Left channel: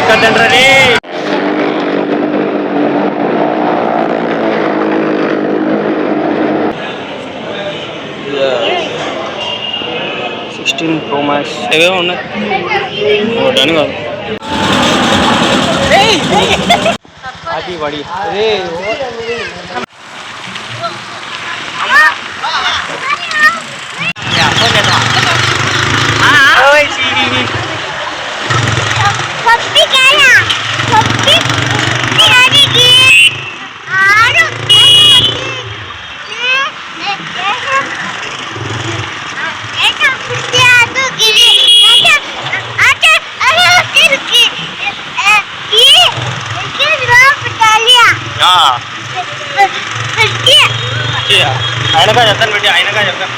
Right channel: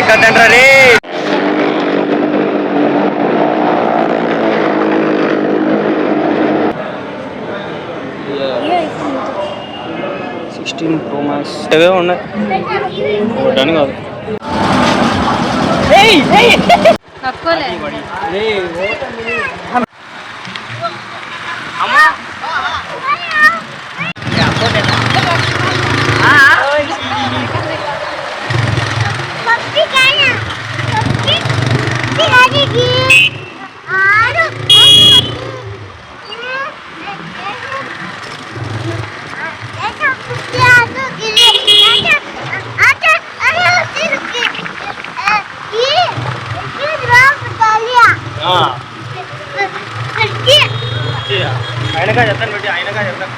ఎక్కడంటారు 16 Pro Max ఏవో ఉన్నాయి ఒకటని కాదు ఆయనగా చెప్తాను పెట్టి ఆయనగా చెప్తాను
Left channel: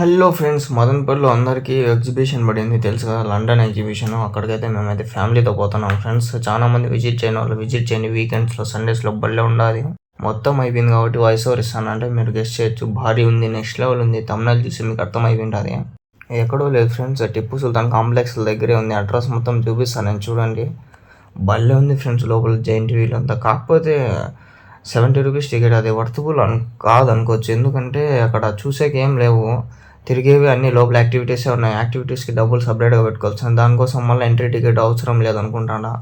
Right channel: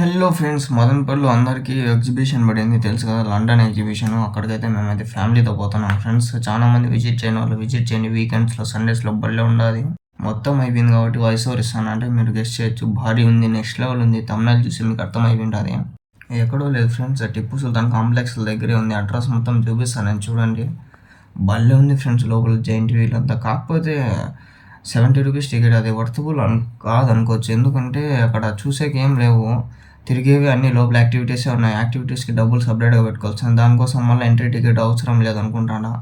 హలో ఫ్రెండ్స్, మదనపల్లిలో అందరికీ ఎగ్జిబిషన్ పడింది తెలుసు కదా, లండన్ ఎగ్జిబిషన్. అక్కడికైతే మేమైతే ఫ్యామిలీతో పోతున్నాం ఫ్రెండ్స్. చాలా మంది విజిట్ చేయని వాళ్ళు విజిట్ చేయండి. వీకెండ్స్లో సండేస్లో బళ్ళే ఉండాలి. మొత్తం అయిపోయింది కాబట్టి వాయిస్ ఓవర్ ఇస్తానంటే మీరు గెస్ట్ చేయొచ్చు. భారీ ఉంది, నెక్స్ట్ లెవెల్ ఉంది. తమిళనాడు చూసి మీకు అర్థమైపోయింది. ఎక్కడో లేదు ఫ్రెండ్స్, టిప్పు సుల్తాన్ కాంప్లెక్స్ దగ్గరే ఉంది. అడ్రస్ మొత్తం చూపిస్తాను నేను, చూడండి. బళ్ళే ఉంది ఫ్రెండ్స్, లోపల జైంట్ వీల్ అంతా. కాకపోతే 70 రూపీస్ టికెట్, అది వర్తబుల్ కాదు అనుకోవచ్చు. ఎందుకంటే అక్కడ చూసేకి ఏం లేవు, తిరిగేవి అన్ని లోపల యాక్టివిటీసే ఉన్నాయి. యాక్టివిటీస్కి డబ్బులు సపరేట్గా పెట్టుకోవచ్చు. దానికోసం మళ్ళీ ఎంట్రీ టికెట్ అవసరం లేదనుకుంటాడా.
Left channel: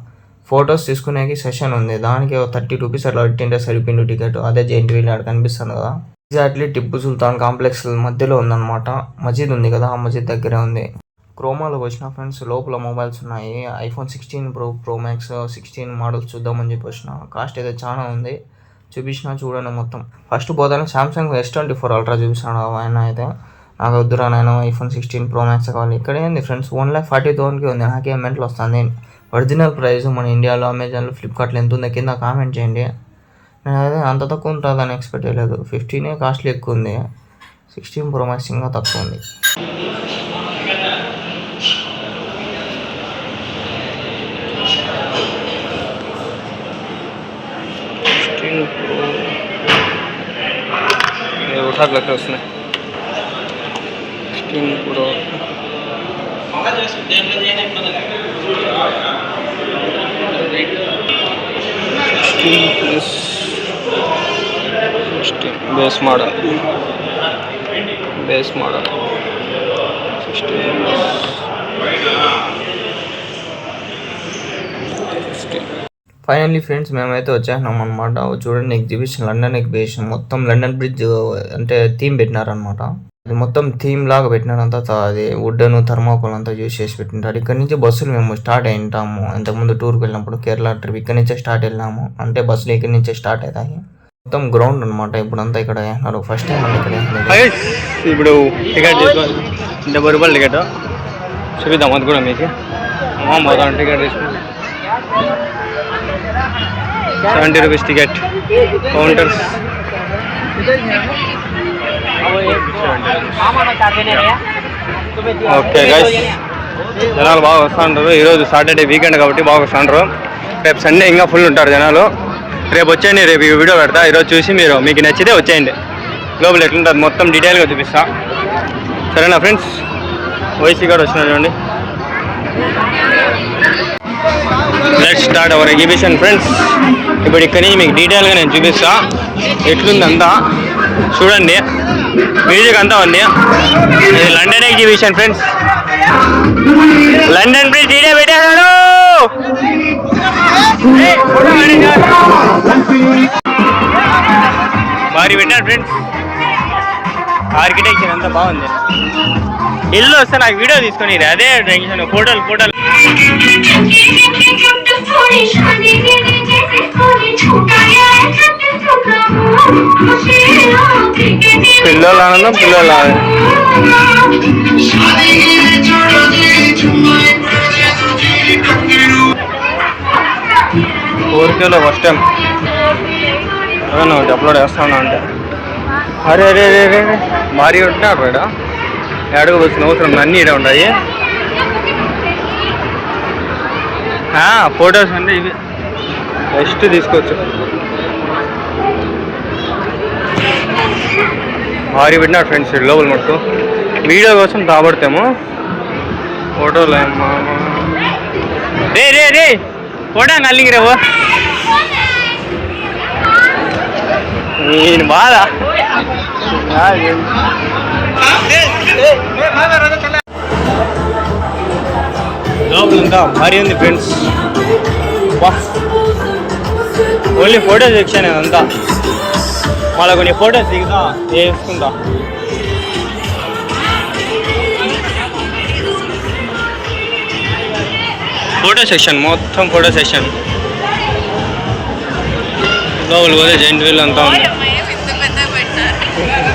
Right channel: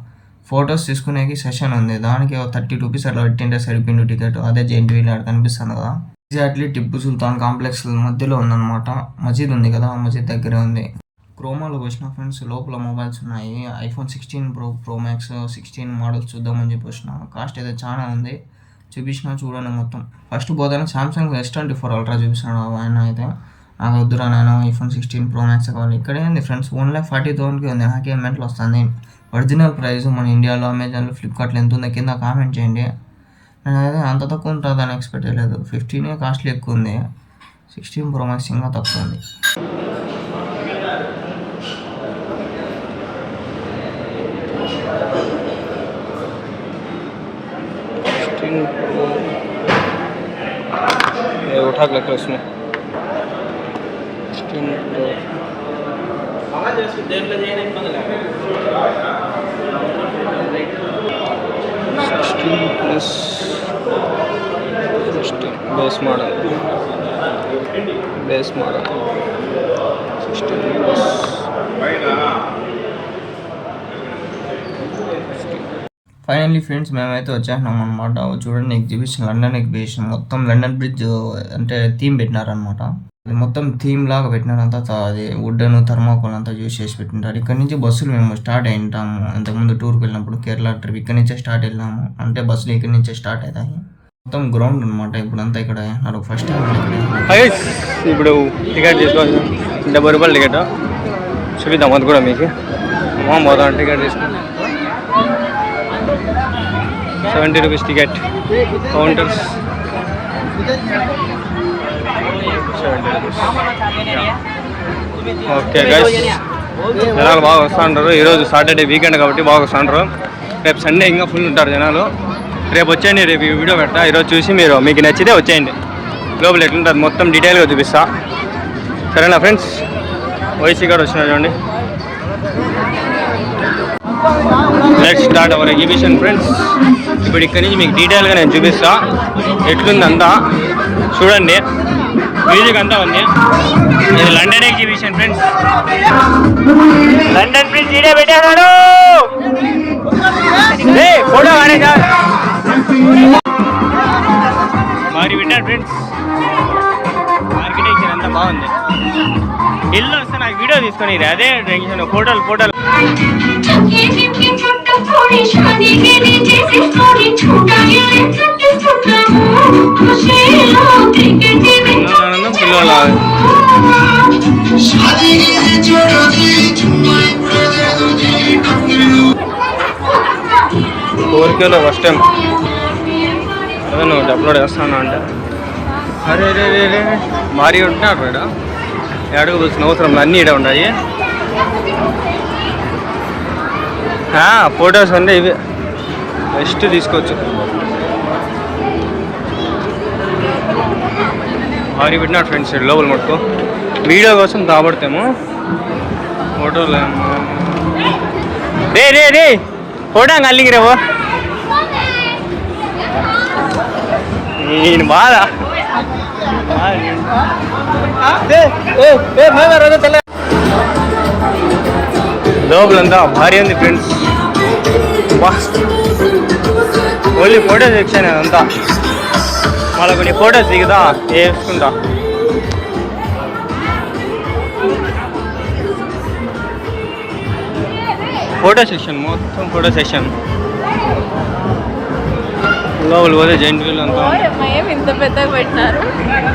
ఫొటోస్ తీసుకునేకి సెషన్ ఉంది, దానికి 30 రూపీస్ అట్లా పెట్టింటే సరిపోయింది టికెట్. అదే జైంట్ వీల్ ఆడ కనిపిస్తుంది కదా, ఎగ్జాక్ట్లీ టిప్పు సుల్తాన్ కాంప్లెక్స్ మధ్యలో ఉందన్నమాట. మసీద్ ఉంది కదా, ఆ మసీద్ దగ్గరే ఉంది. క్రోమాలోకి వచ్చిన ఫ్రెండ్స్, లోపల మొబైల్స్ ఉన్నాయి. iPhone 16 Pro Max 16 మోడల్స్ చూద్దామని చెప్పి వచ్చిన. కాస్ట్ అయితే చాలా ఉంది, చూపించిన చూడండి మొత్తం. ఫస్ట్ పోతానే సామ్సంగ్ S24 Ultra చూపిస్తున్నాడు ఆయన. అయితే నాకు వద్దురా నేను iPhone 16 Pro Max కావాలి. ఇక్కడే ఉంది ఫ్రెండ్స్, 1,40,000కి ఉంది. నాకే మెంటల్ వస్తుంది. ఒరిజినల్ ప్రైస్ మన ఇండియాలో అమెజాన్లో ఫ్లిప్కార్ట్లో ఎంత ఉందో కింద కామెంట్ చేయండి. నేను అయితే అంత తక్కువ ఉంటుందని ఎక్స్పెక్ట్ చేయలేదు. 15 కాస్ట్లీ ఎక్కువ ఉంది, 16 Pro Max ఇంకా తక్కువ ఉంది. उठाक लगता है उसमें 16 Pro 16 plus 16 base model 16 finally friends, మేమైతే వచ్చేసినాం అనమాట. చూడండి ఎగ్జిబిషన్, లండన్ ఎగ్జిబిషన్. మొత్తం లండన్ బ్రిడ్జ్ అంటే థీమ్ పెట్టినారనమాట. అది మొత్తం థీమ్ లాగా పెట్టినారంతా. అది వుడ్ను థర్మాకోల్ అంతా యూజ్ చేసి పెట్టింటారు. ఇక్కడ నుంచి బస్సులు మేము స్టార్ట్ అయింటాము. ఇంతకుముందు టూర్కి వెళ్ళినప్పుడు కేరళ ట్రిప్ ఇక్కడ నుంచే స్టార్ట్ వెళ్ళినాము. అంటే బస్సులు ఇక్కడ నుంచే స్టార్ట్ అవుతాయి. మొత్తం గ్రౌండ్ అనమాట. ఇప్పుడంతా ఇక్కడ వేసినారు. ఫస్ట్ టైం అంటే ఇక్కడ ఇప్పుడు టికెట్ తీసుకోవాలి. 70 రూపాయలు టికెట్ చూపిద్దాం. అది కూడా మీకు మొదటి టికెట్ తీసుకున్నాం. 70 rupees ticket counters. Okay guys, జనాలు బాగా వస్తుంటారు. ఈరోజు సాటర్డే వీకెండ్ కాబట్టి బాగా వస్తుంటారు. రేపు సండే ఇంకా ఫుల్ ఉంటారు జనాలు. రేపు వచ్చేయండి, రేపు ఈ వీడియో పెడతా. ఈరోజు చూసి మీకు నచ్చితే వచ్చేయండి. లోపల ఎట్లుంటుంది మొత్తం డీటెయిల్గా చూపిస్తా. సరేనా ఫ్రెండ్స్? వైసీ గారు వచ్చినారు చూడండి. Let's start our exhibition friends. ఇప్పుడు ఇక్కడి నుంచి మీకు డీటెయిల్గా నేను చూపిస్తా ఎట్లుందంతా. చూడండి, మ్యూజిక్ అంతా ఉంది. ఇది London exhibition friends. London bridge ఇదే పెట్టారు. భారీ పెట్టారు ఫ్రెండ్స్. ఆర్కిటెక్చర్ అంతా బాగుంది. ఇల్లు వస్తే నాకు వీడియో తీసుకొని అదే టెన్షన్. ఫోటోలు పిల్లల ఆనందం, పిల్లల 4Kలో ఫస్ట్ టైం నువ్వు అప్లోడ్ చేస్తాను అంటే అరే రే రే రే భారీ ఉంటున్నాడు రేడా. అడగవలసిన అవసరం అన్నీ ఇడే ఉన్నాయి. ఫొటోస్ ఉంది, ఇవి బెస్ట్ తీసుకోవచ్చు. భారీ పెట్టినారు ఫ్రెండ్స్ లోపల మటుకు. వీడియో కోసం కాబడతాము ఫోటోలు ఏమో రే రే రే ఫోటో అల్లింగి రేవో నేను బాధ లోపలంతా భారీ ఉంది ఫ్రెండ్స్. బా ఓన్లీ ఫోటో సెక్షన్ అదంతా. మళ్ళీ కొన్ని ఫొటోస్ దిగుదా వేసుకుంటా. ఫోటో సెక్షన్ మొత్తం ఫోటో సెక్షన్. లోపల పోతే జైంట్ వీల్ అంతా ఉంది.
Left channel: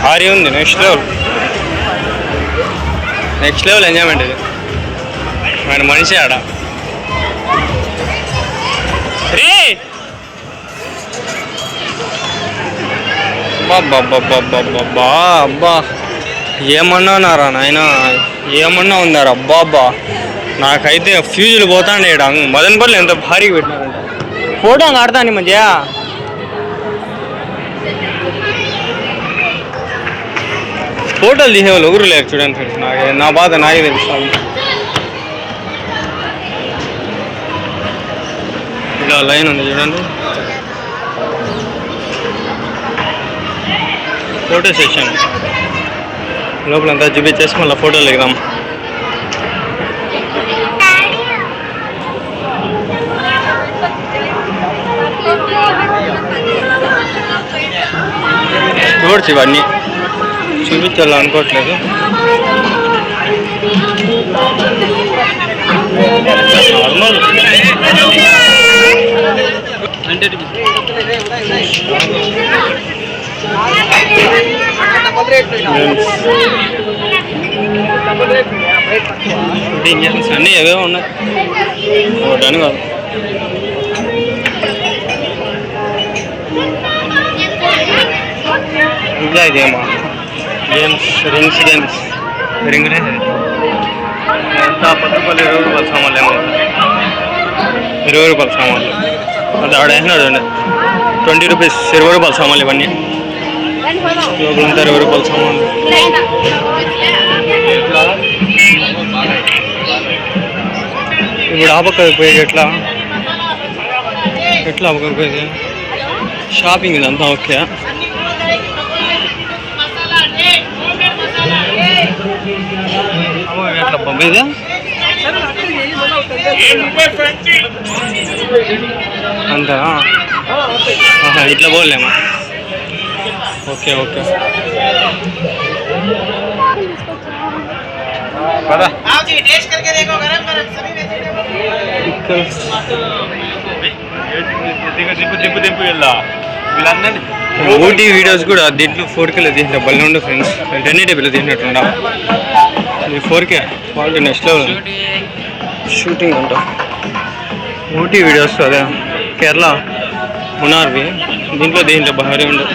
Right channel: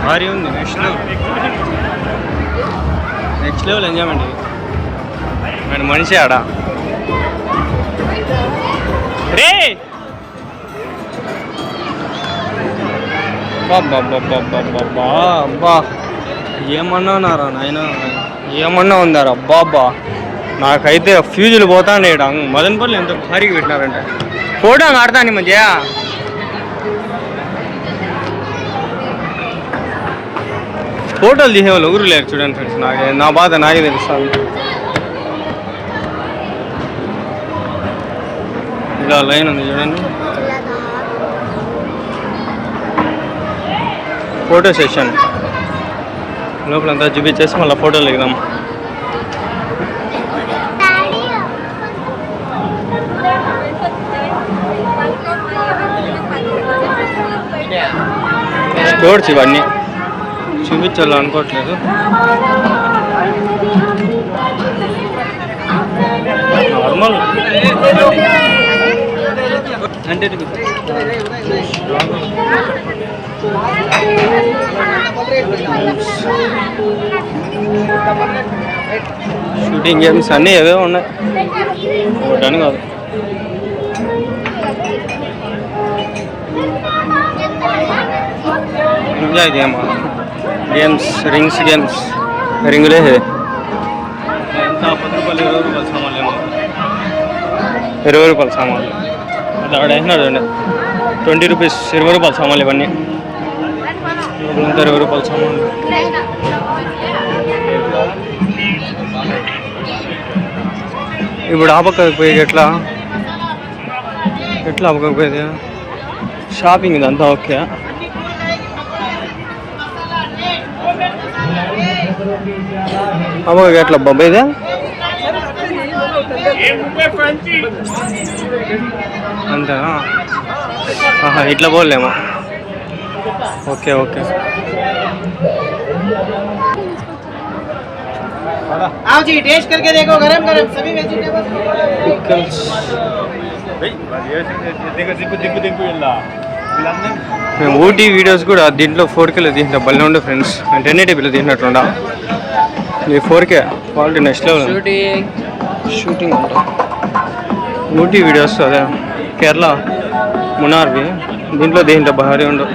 భారీ ఉంది. నెక్స్ట్ లెవెల్ ఎంజాయ్మెంట్ ఇది. ఆయన మనిషి ఆడ రే బాబ్బా అబ్బా ఏమన్నారా నాయన, ఏమన్నా ఉందారా అబ్బా అబ్బా. నాకైతే ఫ్యూజులు పోతాండే ఇక్కడ. మదనపల్లి ఎంత భారీగా పెట్టినారంటే ఫోటో ఆడతాను మంచిగా. ఫోటోలు తీసేవాళ్ళు ఎవరు లేరు చూడండి ఫ్రెండ్స్. నా బాధ నాకే తెలుస్తాను. ఇలా లైన్ ఉంది చూడండి. ఫోటో సెషన్ లోపలంతా చూపించేసి మళ్ళీ ఫోటోలు దిగుదాం. స్టోర్స్ ఇవన్నీ చూపించాలి అనుకోవట్లేదు. నార్మల్ అంటే షూటింగ్ గేమ్స్ అన్నీ ఏవో ఉన్నాయి, ఒకటని కాదు. ఇంకా గేమ్స్ రింగ్స్ గేమ్స్ రింగులే ఎంత 10 రూపాయలు 20 రూపాయల సామాన్లు ఏమైనా 20 రూపాయల సామాన్లు. అది ఆడేసినాడు 20 రూపీస్ 20 రూపాయల సామాన్లు ఇవన్నీ. లోపలంతా 20 రూపాయల సామాన్లు. ఇప్పుడు ఆ పక్కకి పోయేది ఎట్లా ఆ పక్కకి పోయేది షాపింగ్ ఇదంతా ఓకే. అమ్మ ఎట్లా బాబా ఇదే అంతేనా? ఇట్లా పోలేమా? ఓకే ఓకే ఊటీ వీడియోస్ కూడా దీంట్లో 4Kలో తీసిన బల్లే ఉండే ఫ్రెండ్స్. 1080pలో తీసినట్టుండా. ఈ 4K quality next level. Shooting అంట ఊటీ వీడియోస్. అదే కేరళ మునార్వి దీంట్లో భారీ ఉండవు.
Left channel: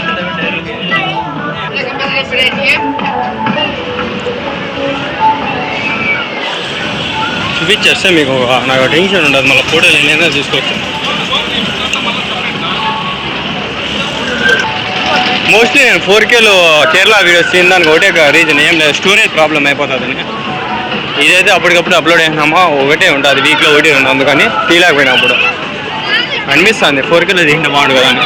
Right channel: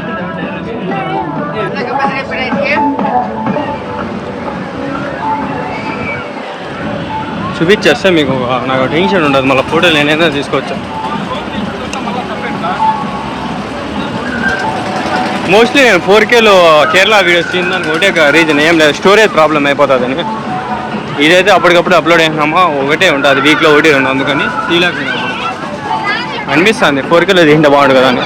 చూపించేస్తే మీకు నాకు టెన్షన్ ఉండదు. మళ్ళీ ఫోటోలు నేనైనా తీసుకోవచ్చు. మోస్ట్లీ నేను 4Kలో కేరళ వీడియోస్ తినడానికి ఒకటే రీజన్, ఏం లేదు స్టోరేజ్ ప్రాబ్లం అయిపోతుందని. ఇదైతే అప్పటికప్పుడు అప్లోడ్ అయినామా ఒకటే ఉంటుంది, వీక్లో ఒకటి రెండు. అందుకని తీయలేకపోయినప్పుడు అనిపిస్తుంది 4Kలో తింటే బాగుంటుంది కదా అని.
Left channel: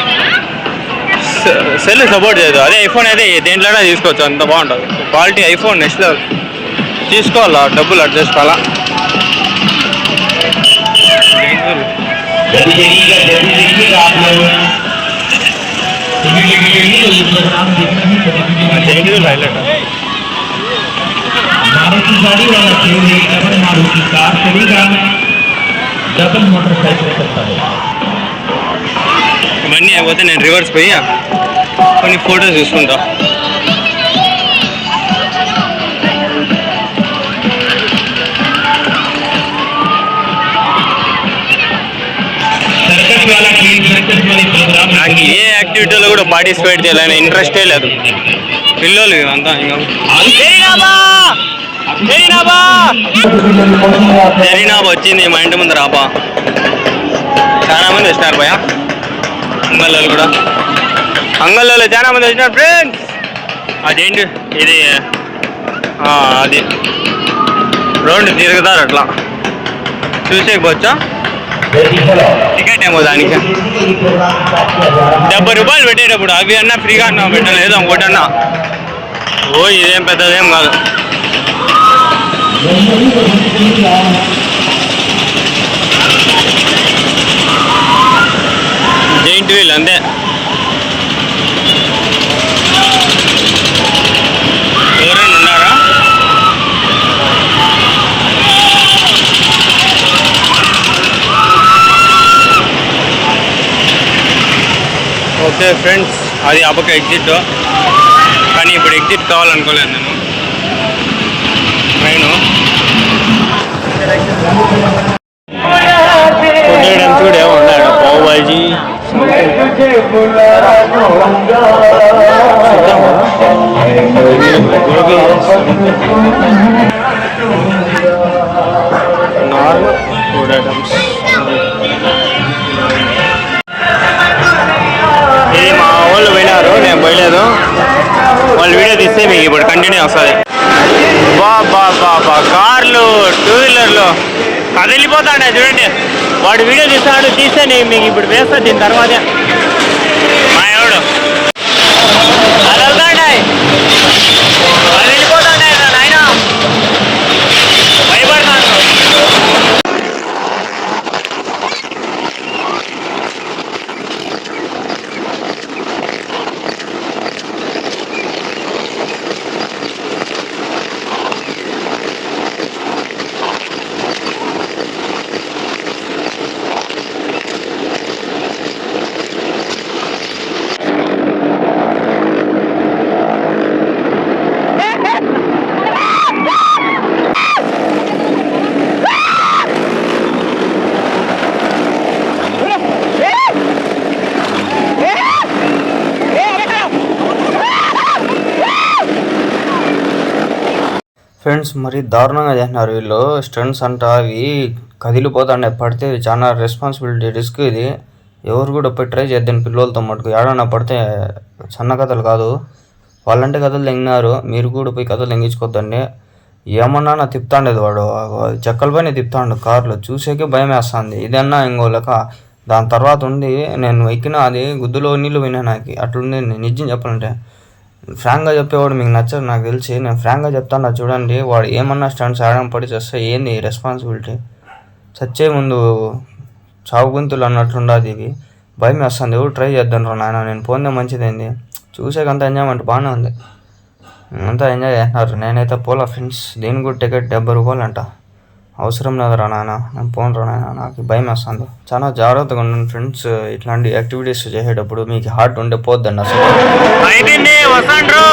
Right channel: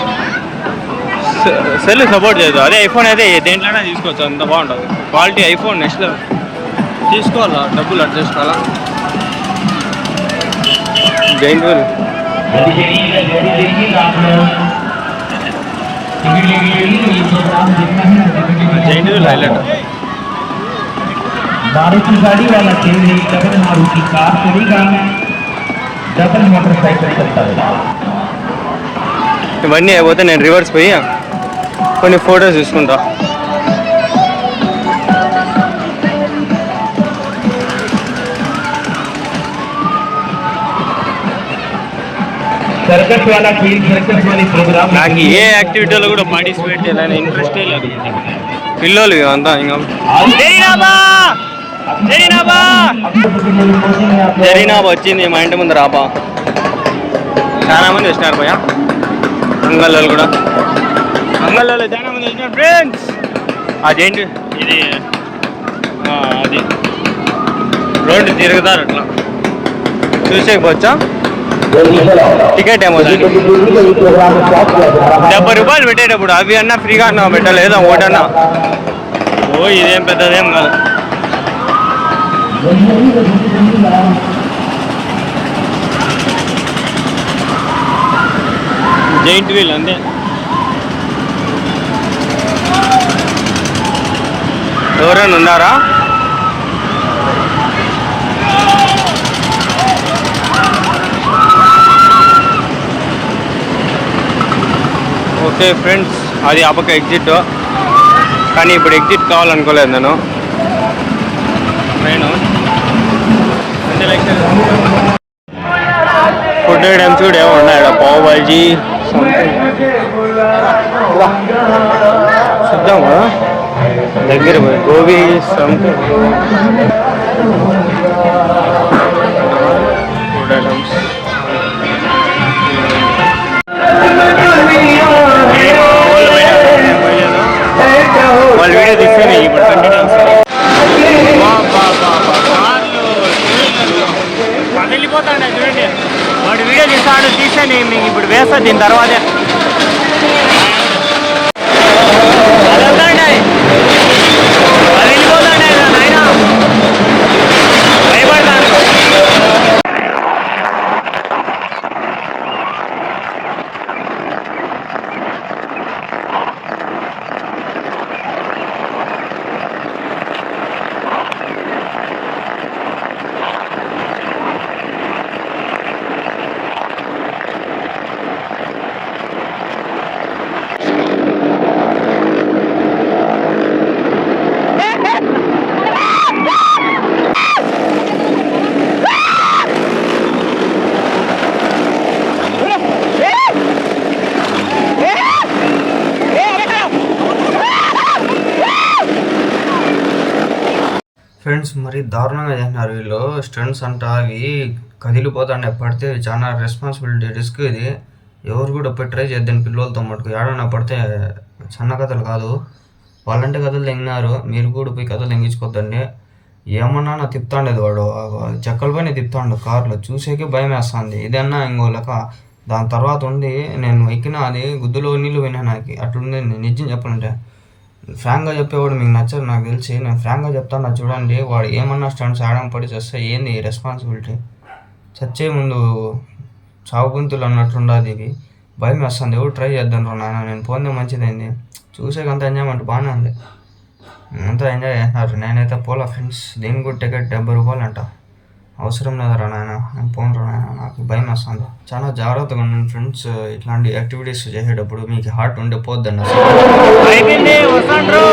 సెల్ సపోర్ట్ చేయదు. అదే ఐఫోన్ అయితే దేంట్లోనే తీసుకోవచ్చు, అంత బాగుంటుంది క్వాలిటీ. IPhone next level. తీసుకోవాలా, డబ్బులు అడ్జస్ట్ కావాలా. Giant wheel giant wheel highlight Maruti गाड़ी वाला केवल डबल मारुति कार चलेगा, डबल मोटरसाइकिल चलता होगा. ఇవన్నీ అయిపోతే నేను రివర్స్ పోయి కొన్ని ఫొటోస్ తీసుకుంటా. నాకు ఏ యాక్టివిటీలో కూడా పార్టిసిపేట్ చేయాలని ఇంట్రెస్టే లేదు. పిల్లలు అంతా ఇంకా జరీనాబా వచ్చింది మా ఇంటి ముందు రాబా. చాలా మంది వచ్చినారు భయ. అంగల్లో కూడా చాలా మంది వచ్చినారు ఫ్రెండ్స్. అదేంటి ఇది అది రోడ్డు తిరుగుతారు అట్లా చూసేకపోవచ్చా? టికెట్ ఏమో దానికి 70 రూపాయలు పెట్టేటప్పుడు అవి అన్నా ఫ్రీగా అన్నా పెట్టలేదు ఒకటన్నా. ఓ ఇదేం పెద్దదేం కాదు. జైంట్ వీల్ అంతే. ఎవరైనా ఉన్నారా? ఓకే ఫ్రెండ్స్, అది ఆ పక్క ఎగ్జిట్. కానీ ఇప్పుడు ఎగ్జిట్ కావాలనుకోలేదు నేను. ట్రైను ఫుడ్ ఐటమ్స్ కూడా ఏమో ఉన్నాయి ఇక్కడ. పావ్ బాజీ సంథింగ్ చూద్దాం కదా దగ్గర gobi something normal food items. ఇది మా వాళ్ళు నేను పోయలేదు. వాళ్ళు వీడియో తీస్తే మీకు ఇప్పుడు కంటిన్యూ వస్తుంది. బా కార్లు, టూ వీలర్లు కదిలిపోతాండే చూడండి. వాడు వీడియో తీస్తే నేను మీకు ఇప్పుడు వేస్తా. దీని తర్వాతే మా ఎవడు కదిలిపోతాండే నాయన, భయపడతాను. ఫ్రెండ్స్ మరి దారుణంగా చేస్తున్నారు వీళ్ళు. స్టంట్స్ అంట అవి కదిలిపోతాండే, పడితే చాలా రెస్పాన్సిబిలిటీ, రిస్క్ ఇది. ఎవరు కూడా పోయి ట్రై చేద్దాం పిల్లలతో మటుకు. ఏడన్నా పడితే సన్న కథలు కాదు. వాళ్ళంటే కథలు తెంగినారు, మీరు కూడా పోయి కథలు తెంగించుకోద్దండి. ఏమన్నా తిప్పుతాండేది వాడు, చెక్కల పైన తిప్పుతాండు కార్లు. చూసేకే భయం వేస్తుంది. ఇదన్నా ఇంకో లెక్క. దాని తర్వాత ఉంది నేను ఎక్కిన అది గుద్దులో నీళ్ళు పోయినా నాకు. అట్లుంది నిజం చెప్పాలంటే. ఫ్రాంక్గా చెప్పేవాడు మీకు నచ్చదు నాకు తెలిసి. నేను ఫ్రాంక్గా చెప్తాను చూడండి. వాడు ఏమన్నా స్టంట్స్ ఆడడం పడి చేస్తే ఏంది రెస్పాన్సిబిలిటీ? చచ్చే ముందు చావు గొంతులు అన్నట్లుండదు ఇది. భయం వేస్తుంది. ఎవరు ట్రై చేద్దాం రా నాయన. నేను పోతే మంచిదైంది. చూసేకంత ఎంజాయ్మెంట్ బాగానే ఉంది, అంతా ఎంజాయ్ చేస్తున్నారు. నేనైతే పోలా ఫ్రెండ్స్. దీనికి కూడా టికెట్ 70 రూపాయలు అంట. అవసరం లేదురా నాయన, నేను పోను రా నాయన, నాకు భయం వేస్తుంది. చాలా జాగ్రత్తగా ఉండండి ఫ్రెండ్స్. ఇట్లాంటి యాక్టివిటీస్ చేసేటప్పుడు మీకు హార్ట్ ఉండే పోద్దండి అసలు. అయిపోయింది వస్తాండ్రు.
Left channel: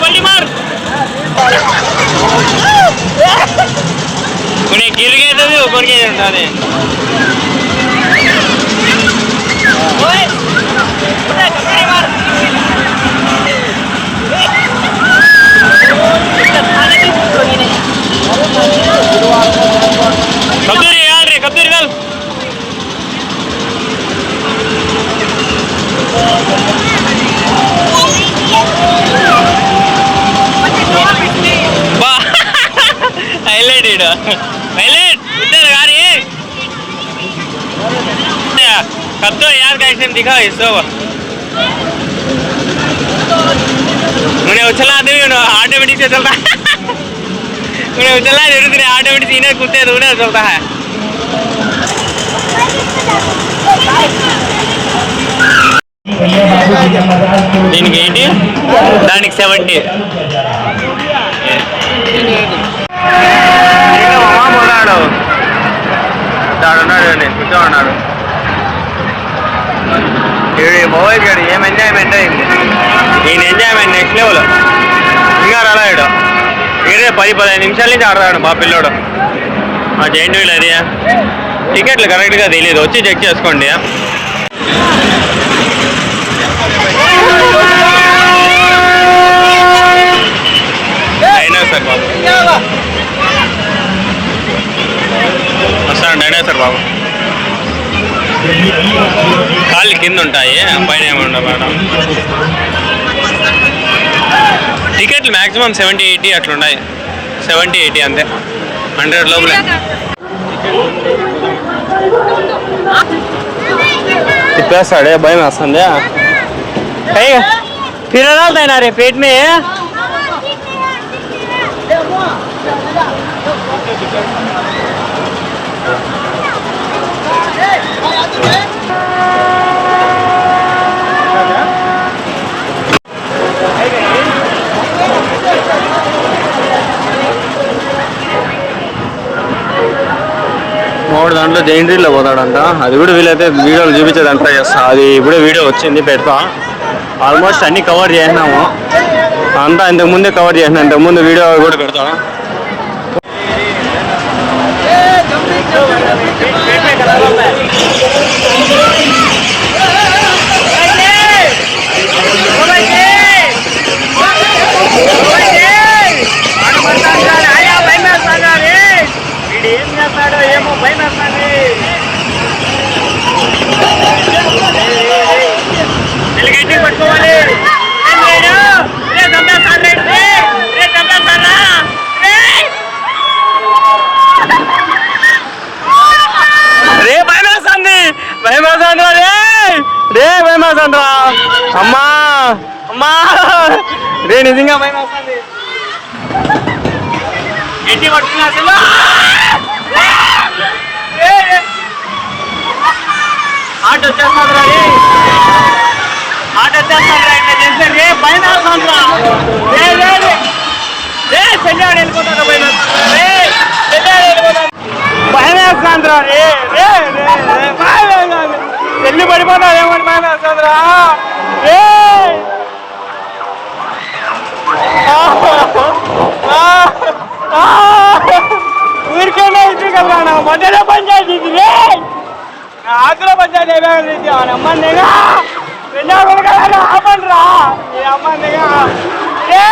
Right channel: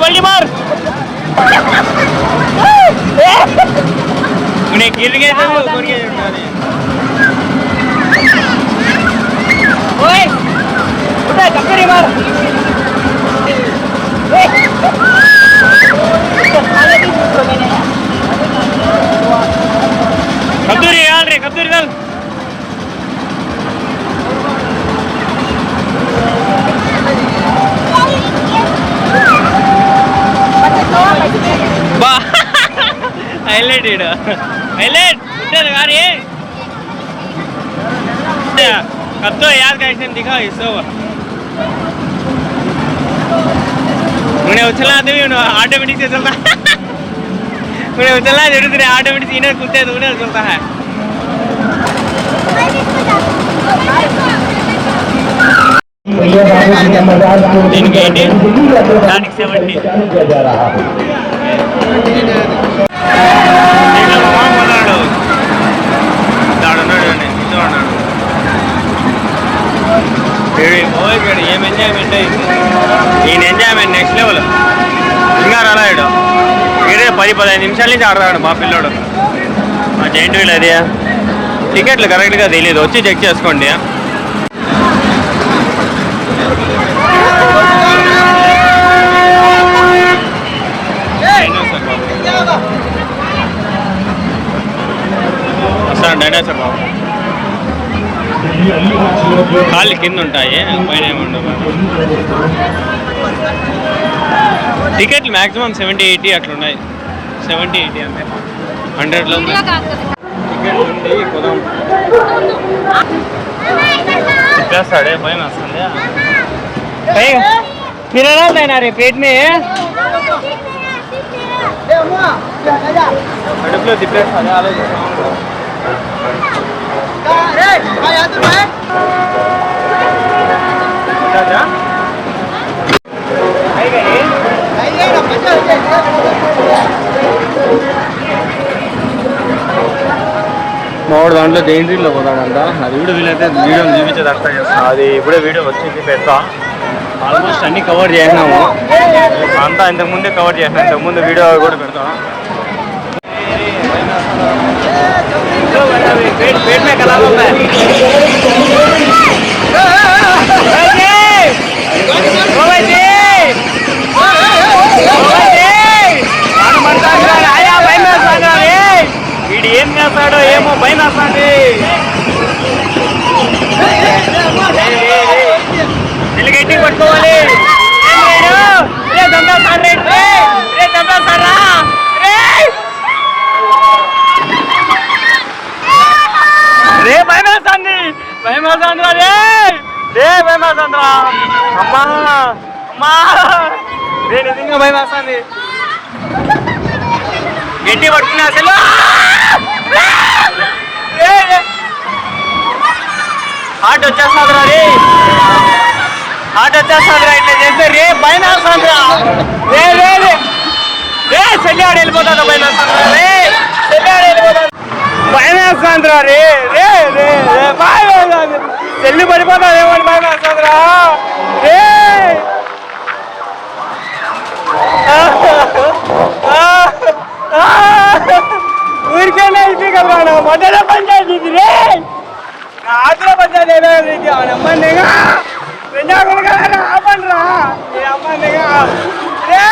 बल्टी मार उन्हें गिर गए थे भी ऊपर के उठा दे कब्दूरी यार रे कब्दूरी डाल हाईलाइट हाईलाइट इधर आ रही है कब तो यार का एक्शन दिखाओ इसको उन्हें उछला दे ऑटोमेटिक से चलता है उन्हें उछला दे ऑटोमेटिक इन्हें कुत्ते तो उन्हें चलता है దీనికి 80 దానికి 70 ఇంకా మామ పోతాడు అದ್ದಾడున్నాడు నేను కూర్చోన్నాడు పోయి కాడు ఏం ఎంజాయ్మెంట్ అయింది ఈయన ఎంజాయ్మెంట్ నెక్స్ట్ లెవెల్ ఇంకా రాలాడు ఇదే 10-15 నిమిషాల నుంచి ఆడతాడు మా పిల్లోడు ఆ జైంట్ వీల్ అది టికెట్లు కరెక్ట్గా తెలియదు, వచ్చి చెక్ చేసుకోండి. డైనోసార్ బాబు వస్తాను. డైనోసార్ బాబు కాళ్ళు కింద ఉంటాయి, పైన ఏముండవు మేడం. టికెట్లు మ్యాక్సిమం 70-80 అట్లున్నాయి. 70-80 అంతే, 100 లోపలే టికెట్ ఉంది. తిప్పేస్తాడే, భయం వస్తుంది. తిరగలదైనా రే పేట్ మే కడుపులో తిప్పేస్తాడు. ఆలోచిస్తాను. మావాడు దాంట్లో జైంట్రీలో పోతాడంట. అది కూడా వీలైతే వీడియోలు చూపించడానికి ట్రై చేస్తా. అది ఇప్పుడు వీడియో వచ్చింది, పెడతా. ఆల్మోస్ట్ అన్ని కవర్ చేసినాము అంతా. అంతకుముందే కవర్ చేసిన, అంతకుముందు వీడియో కూడా పెడతాము. వీడు ఏం చేస్తాడో ఏమో భయం వేస్తుంది. నిలగట్టి పట్టుకోవాలి. రే భయం వేస్తుంది, భయం వేస్తుంది. రే భయం వేస్తుంది. అమ్మా అమ్మా రే నిజంగా భయం వేస్తుంది. గట్టి పట్టుకునే అసలు హార్ట్ వచ్చేస్తుందిరా. హార్ట్ వచ్చేస్తుందిరా ఇట్లా చేస్తే. రే భయం వేస్తుందిరా. రే రే రే చెల్లివాడు వెళ్ళిపోతాను. భయం వేస్తుందిరా. రే రే రే రే భయం వేస్తుంది. చెల్లి పడిపోతాదేమో అని భయం వేస్తుందిరా. రే ఊరికైనా ఇటు కదా నా మొదట పంచాయతీ ఇది. రే ఆతుల పంచాయతీ ఏమైంది అమ్మందిగా రెండో కదా ఆపండి రా అమ్మందిగా. రే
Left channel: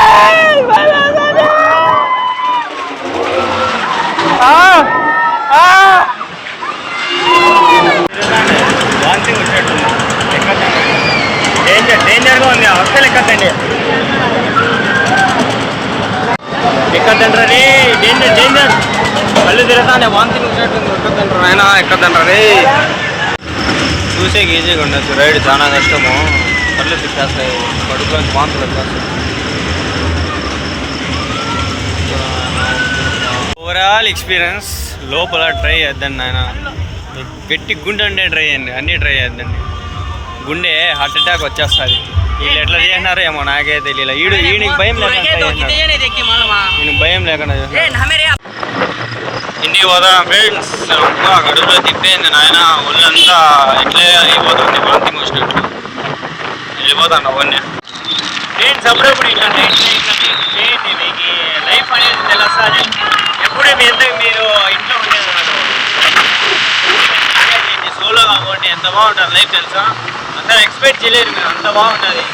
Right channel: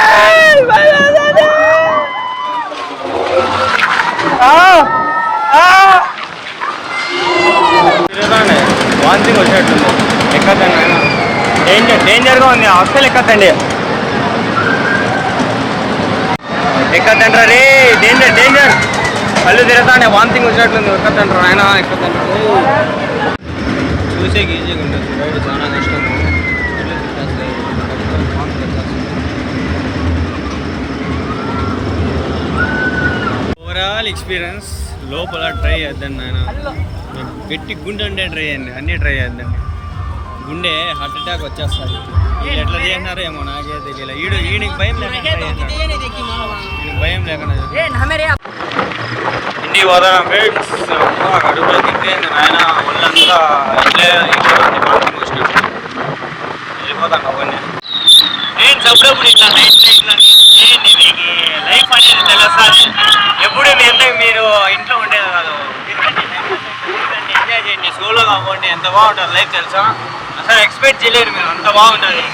వాంతింగ్ వచ్చేట్టుంది. ఎక్కద్దండి, డేంజర్గా ఉంది. అస్సలు ఎక్కద్దండి, ఎక్కద్దంటారా రే. డేంజర్ కళ్ళు తిరుగుతానే, వాంతింగ్ వచ్చినట్లుంది. ఎక్కద్దంటారు ఆయన, ఎక్కద్దంటారా రే. చూసేకి ఈజీగా ఉండొచ్చు, రైడ్ చాలా కష్టము. కళ్ళు తిప్పేస్తాయి, కడుపులో వాంతులు వచ్చేస్తాయి. ఓవరాల్ ఎక్స్పీరియన్స్ లోపల ట్రై చేద్దండి ఆయన. గట్టి గుండె ఉండే ట్రై చేయండి, అన్నీ ట్రై చేద్దండి. గుండె హార్ట్ అటాక్ వచ్చేస్తుంది. వీళ్ళు ఎట్లా చేసినారో ఏమో నాకే తెలియదు. వీడికి భయం లేకుండా ఇంటికి పోతాను ఫ్రెండ్స్. కడుపులో తిప్పేంది నాయన, ఒళ్ళంతా ఎట్లే అయిపోతుంది, వాంతింగ్ వచ్చినట్టు. వెళ్ళిపోతాను అవన్నీ ఫ్రెండ్స్. అప్పుడప్పుడు ఇట్లా నైట్ చేయండి, మీకు లైఫ్ అనేది తెలుస్తుంది. ఎప్పుడు మీరు ఇంట్లో ఉండేది కాదు, సోలోగా పోండి. ఎంత బాగుంటుంది లైఫ్ తెలుసా. అసలు ఎక్స్పెక్ట్ చేయలేరు మీరు, అంత బాగుంటుంది.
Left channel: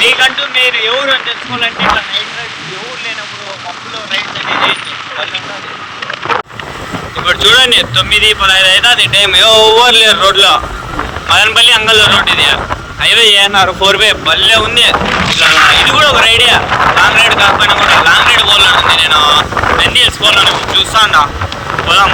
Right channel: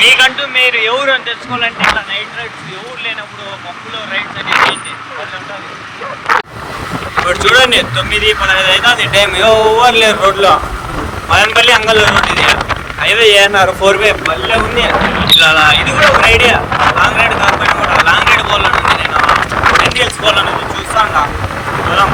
మీకంటూ మీరు ఎవరు అని తెలుసుకోవాలంటే ఇట్లా నైట్ రైడ్స్, ఎవరు లేనప్పుడు పప్పులో రైడ్స్ అనేది ఉంటుంది. ఇప్పుడు చూడండి 9:15 అవుతుంది టైం, ఎవరు లేరు రోడ్లో. మదనపల్లి అంగల్లో రోడ్ ఇది, హైవే చేస్తున్నారు 4-way భలే ఉంది. ఇట్లా ఇది కూడా ఒక రైడే, లాంగ్ రైడ్ కాకపోయినా కూడా లాంగ్ రైడ్ పోవాలని ఉంది. నేను నంది హిల్స్ పోవాలని చూస్తా. పోదాం.